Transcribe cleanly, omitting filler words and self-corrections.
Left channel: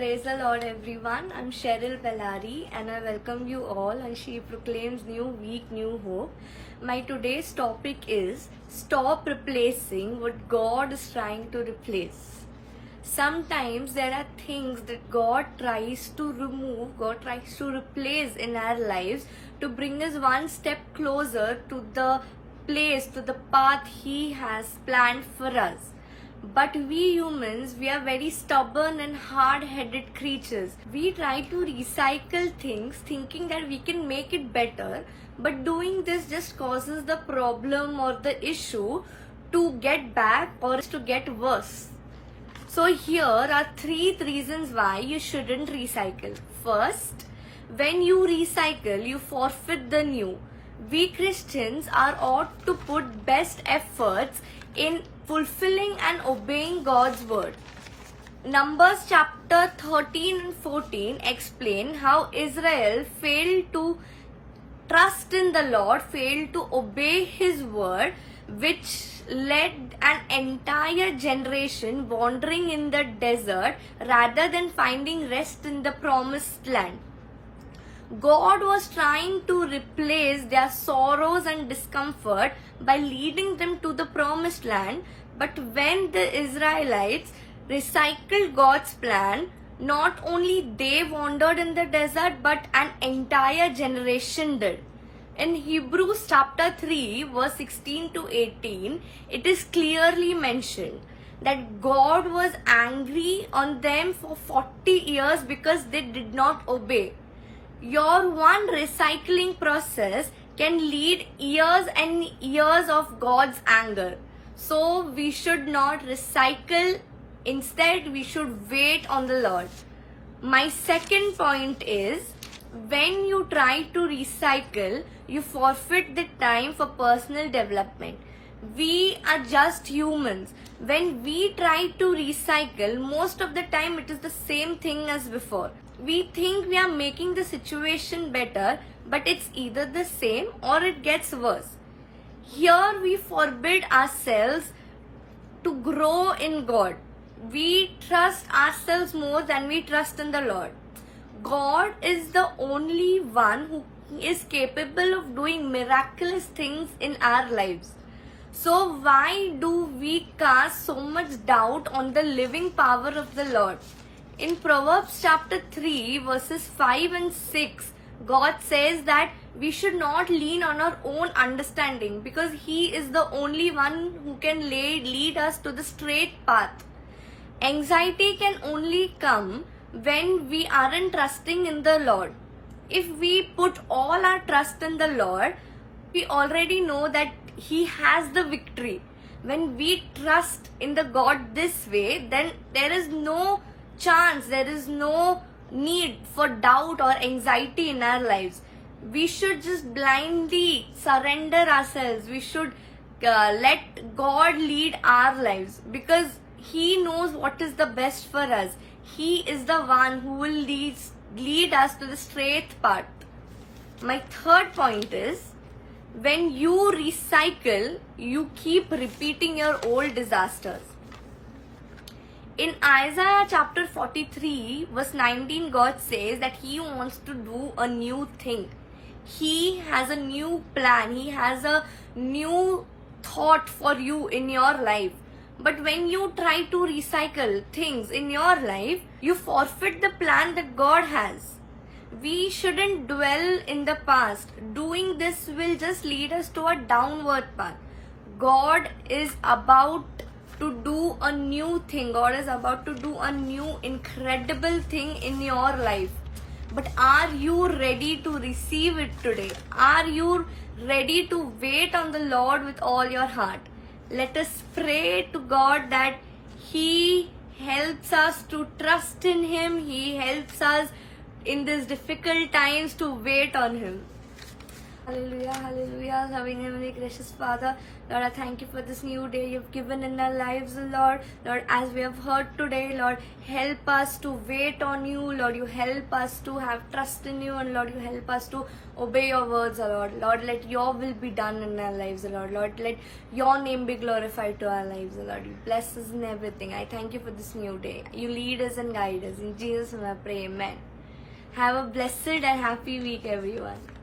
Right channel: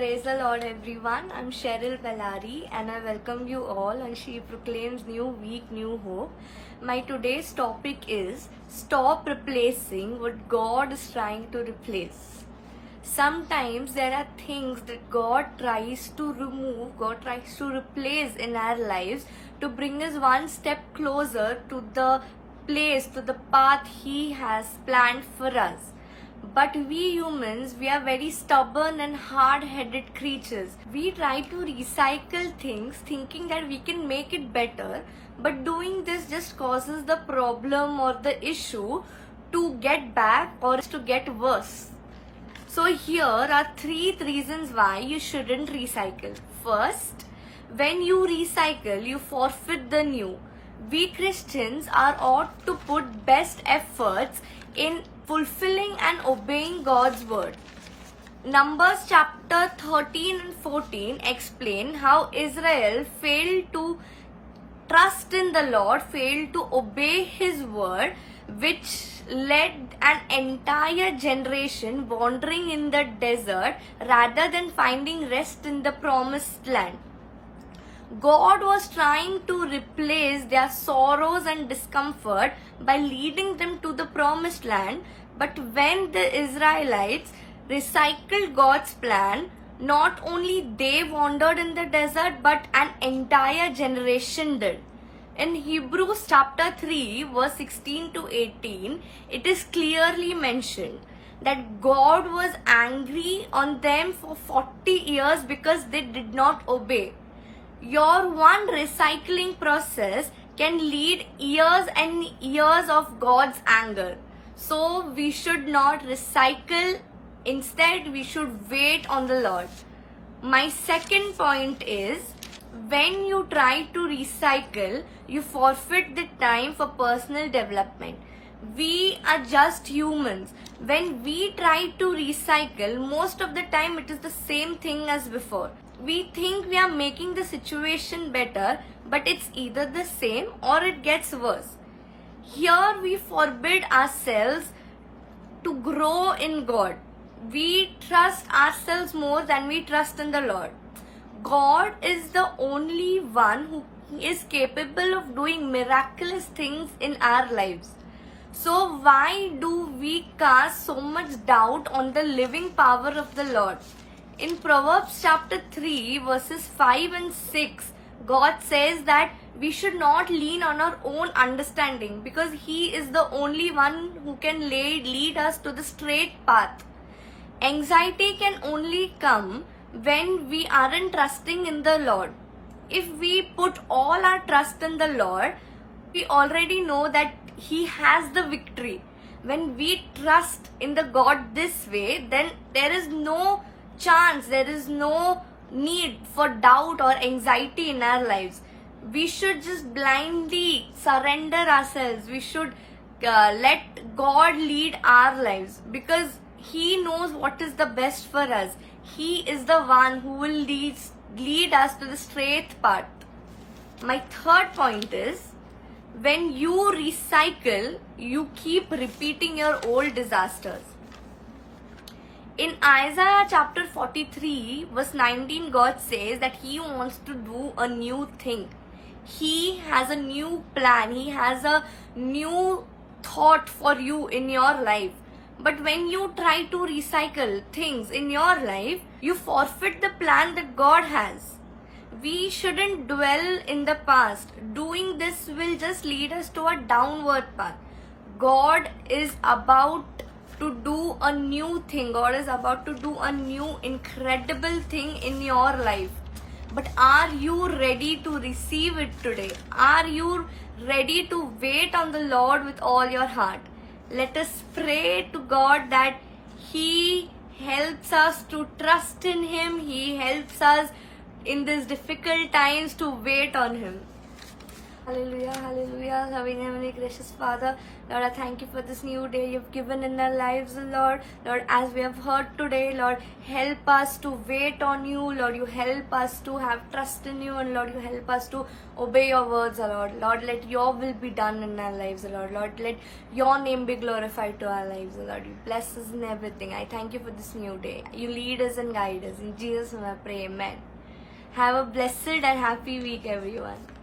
Praise the Lord, everyone. I'm Cheryl Bellari and I welcome you all, and she proclaims new week, new hope. My today's topic is stop replacing what God is trying to replace. Sometimes there are things that God tries to remove, God tries to replace in our lives to bring us one step closer to the place, to the path He has planned for us. But we humans, we are very stubborn and hard-headed creatures. We try to recycle things thinking that we can make it better, but doing this just causes the problem or the issue to get back or to get worse. So here are 3 reasons why you shouldn't recycle. First, when you recycle, you forfeit the new. We Christians are ought to put best efforts in fulfilling and obeying God's word. Numbers chapter 13 and 14 explain how Israel failed to trust in the Lord, failed to obey His word, which led an entire generation wandering in the desert rather than finding rest in the promised land. God was trying to replace their sorrows and discomfort by leading them to the promised land, but when the Israelites recycled God's plan, not only they wandered in the desert, but an entire generation did. In Hebrews chapter 3 verse 16 to 18, it is clearly mentioned that God was angry on them for 40 years because they did not obey. Your one recycling process can lead years and years of God's anger. So we should not recycle. Instead, we should wait on the Lord. My second point is, when you try to recycle, you forfeit the time for personal development. We are just humans. When we try to recycle, most of the time it is the same thing as before. We think we are making the situation better, but it's either the same or it gets worse. Here we forbid ourselves to grow in God. We trust ourselves more than we trust in the Lord. God is the only one who is capable of doing miraculous things in our lives. So why do we cast so much doubt on the living power of the Lord? In Proverbs chapter 3 verses 5 and 6, God says that we should not lean on our own understanding because He is the only one who can lead us to the straight path. Anxiety can only come when we aren't trusting in the Lord. If we put all our trust in the Lord, we already know that He has the victory. When we trust in the God this way, then there is no chance, there is no need for doubt or anxiety in our lives. We should just blindly surrender ourselves. We should let God lead our lives because He knows what is the best for us. He is the one who will lead us to the straight path. My third point is, when you recycle, you keep repeating your old disasters. In Isaiah chapter 43 verse 19, God says that He wants to do a new thing. He has a new plan. He has a new thought for you in your life. But when you try to recycle things in your life, you forfeit the plan that God has. We shouldn't dwell in the past. Doing this will just lead us to a downward path. God is about to do a new thing. God is about to do a new incredible thing in your life. But are you ready to receive it today? Are you ready to wait on the Lord with all your heart? Let us pray to God that He helps us to trust in Him. He helps us in these difficult times to wait on Him. Hallelujah, hallelujah. Loving Heavenly Gracious Father, Lord, I thank you for this new day you've given in our lives, Lord. Lord, as we have heard today, Lord, help us to wait on you. Lord, you help us to have trust in you, and Lord, you help us to obey your words, Lord. Lord, let your will be done in our lives, Lord. Lord, let your name be glorified to our lives, Lord. You bless us in everything. I thank you for this new day. You lead us and guide us. In Jesus' name I pray, amen. Have a blessed and happy week, everyone.